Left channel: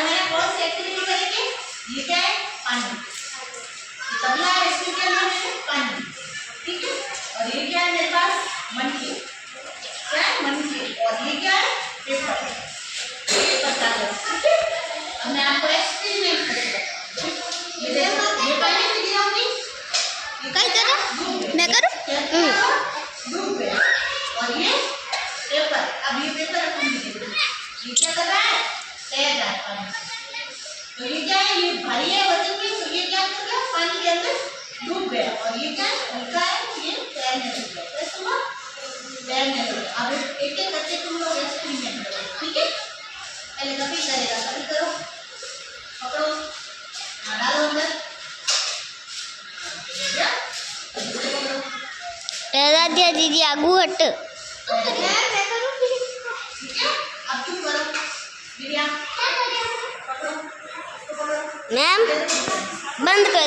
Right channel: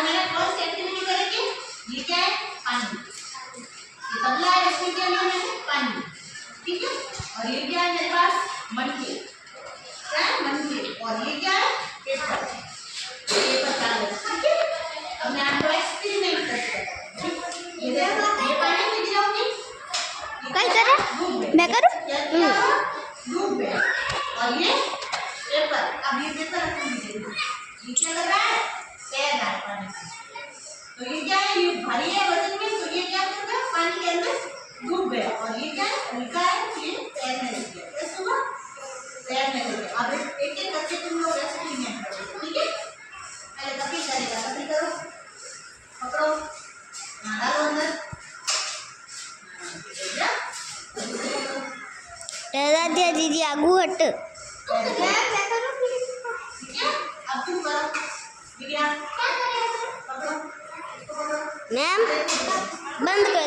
आज मैंने कौन सी एक्टिविटी करेंगे? ये क्या है? पानी। ये तबला है, इसमें क्या लिया मैंने? पानी। ठीक है। और ये क्या है मेरे पास? मटके। क्या है? मटके। और ये क्या है? पेपर। पेपर कागज। ठीक है। अब मैं आपको एक्सपेरिमेंट करके ये देखो, ये पानी में गिराऊंगी, कहीं करे मैं करूं? डूब गया। और ये पेपर, अब ये पेपर रखूंगी, ये क्या कर रहा है? तैर रहा है पानी में। तो ये क्या है? ये भारी है वजन में, तो ये क्या कर गया? पानी के अंदर डूब गया। और ये क्या है? हल्का है, तो ये तैरने लग गया। कैसे हुआ? तैरने लग गया। अब एक एक करके तुम लोग एक्सपेरिमेंट करो। ठीक है। पहले कपिल करेगा, कपिल करो, पकड़ो, डालो अंदर, ले गया। राधिया दीदी आगू हट। ठीक है। अब चुप करो, विद्या, पकड़ो, मैम बंद कर।